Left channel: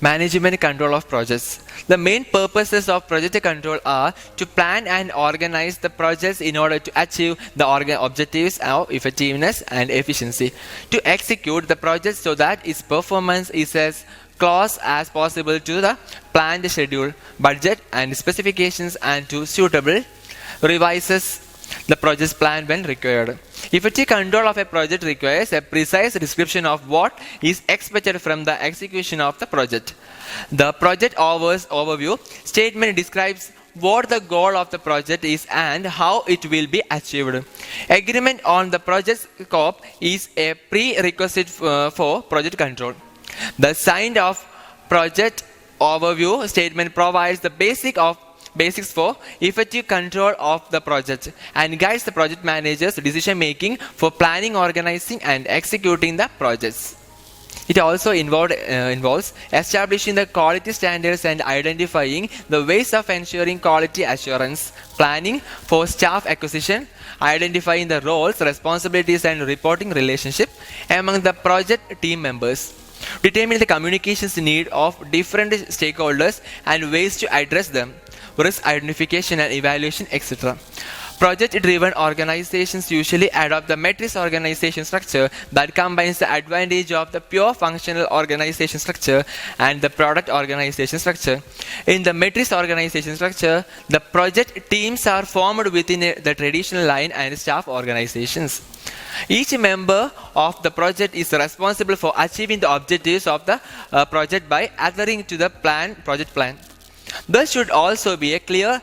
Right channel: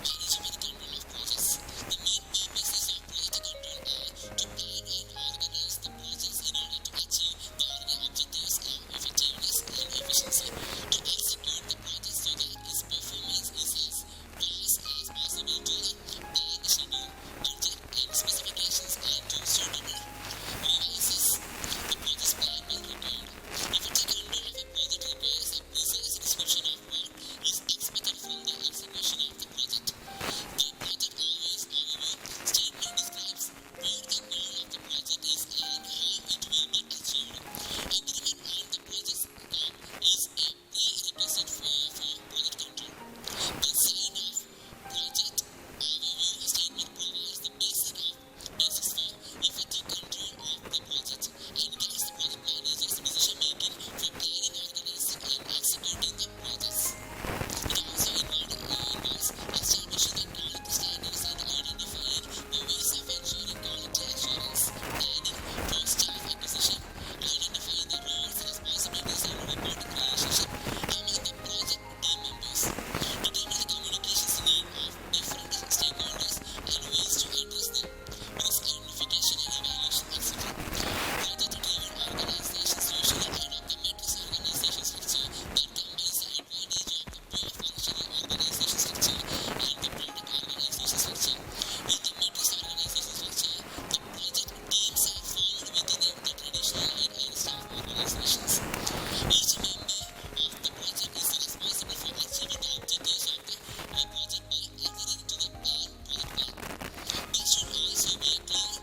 Management control of projects. The main purposes of project control are to plan and organize the projects in order to achieve the objectives of effectiveness and efficiency, to execute the project so that its performance is as close as possible to the planned schedule, budget, and specifications, and to suitable revises the project's plan when required. Effective control of a project requires a precise description of what is expected from the execution of the project. The project overview statement describes what the goal of the project is and how it will be achieved. Agreement on the project scope is a prerequisite for project control. The signed off project overview statement provides the basics for effective control of the project and guides the project manager's decision making for planning, organizing, and executing the projects. It also involves establishing the quality standards and identifying the ways of ensuring quality assurance, planning for staff acquisition, identifying the roles, responsibilities, and reporting relationship among the project team members, determining the communications need of different stakeholders and ways to address them, risk identification and evaluation, etc. Project-driven organizations usually adopt the matrix organization structure that combines the advantage of the pure functional organization structure and the product organization structure. In the matrix organization structure, the project teams are formed within the traditional line and staff organizations. Each member of the project is responsible for achieving the objectives of the project by adhering to the project plan. There should also be a clear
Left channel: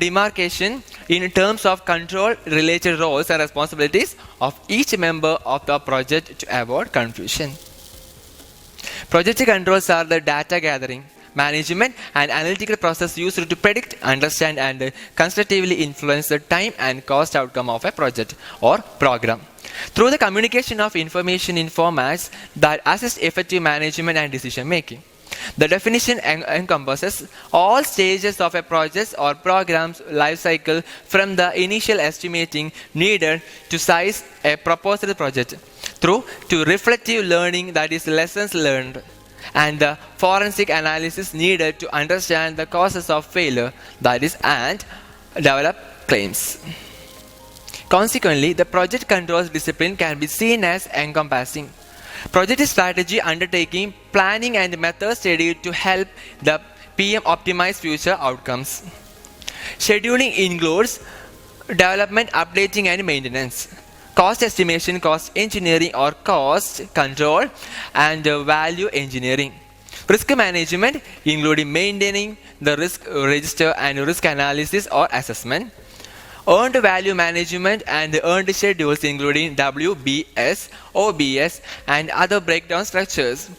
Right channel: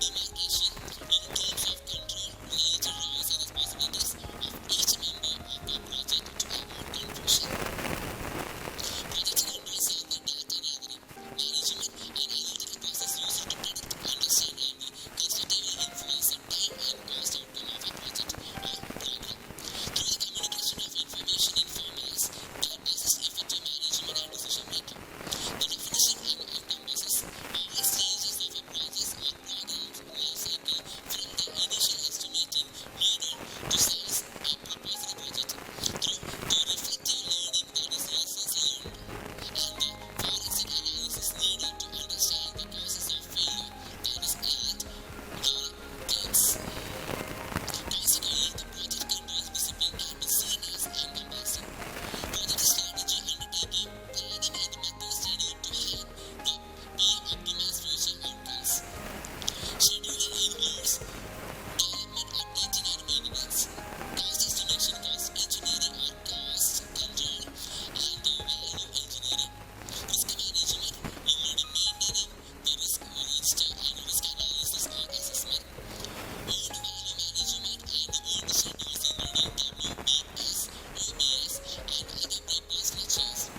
demarcation in terms of control related roles and responsibilities of each member of the project to avoid confusion. Project controls are the data gathering, management, and analytical process used to predict, understand, and constructively influence the time and cost outcome of a project or program. Through the communication of information in formats that assist effective management and decision making. The definition encompasses all stages of a project or program's life cycle from the initial estimating needed to size a proposed project through to reflective learning, that is lessons learned, and the forensic analysis needed to understand the causes of failure, that is, and develop claims. Consequently, the project controls discipline can be seen as encompassing project strategy, undertaking, planning, and method study to help the PM optimize future outcomes. Scheduling includes development, updating, and maintenance, cost estimation, cost engineering or cost control, and value engineering. Risk management, including maintaining the risk register and risk analysis or assessment. Earned value management and earned schedules, including WBS, OBS, and other breakdown structures.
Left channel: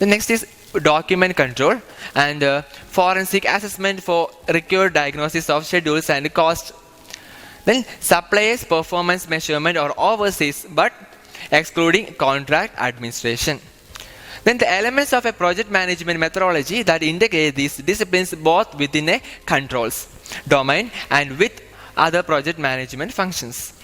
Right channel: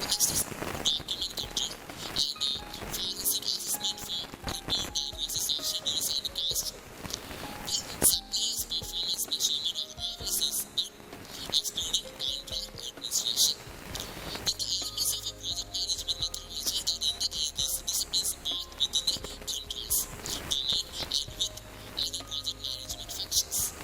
The next is document control and forensic assessment for required diagnosis of schedules and costs. Then suppliers performance measurement or overseas, but excluding contract administration. Then the elements of a project management methodology that integrate these disciplines both within a controls domain and with other project management functions.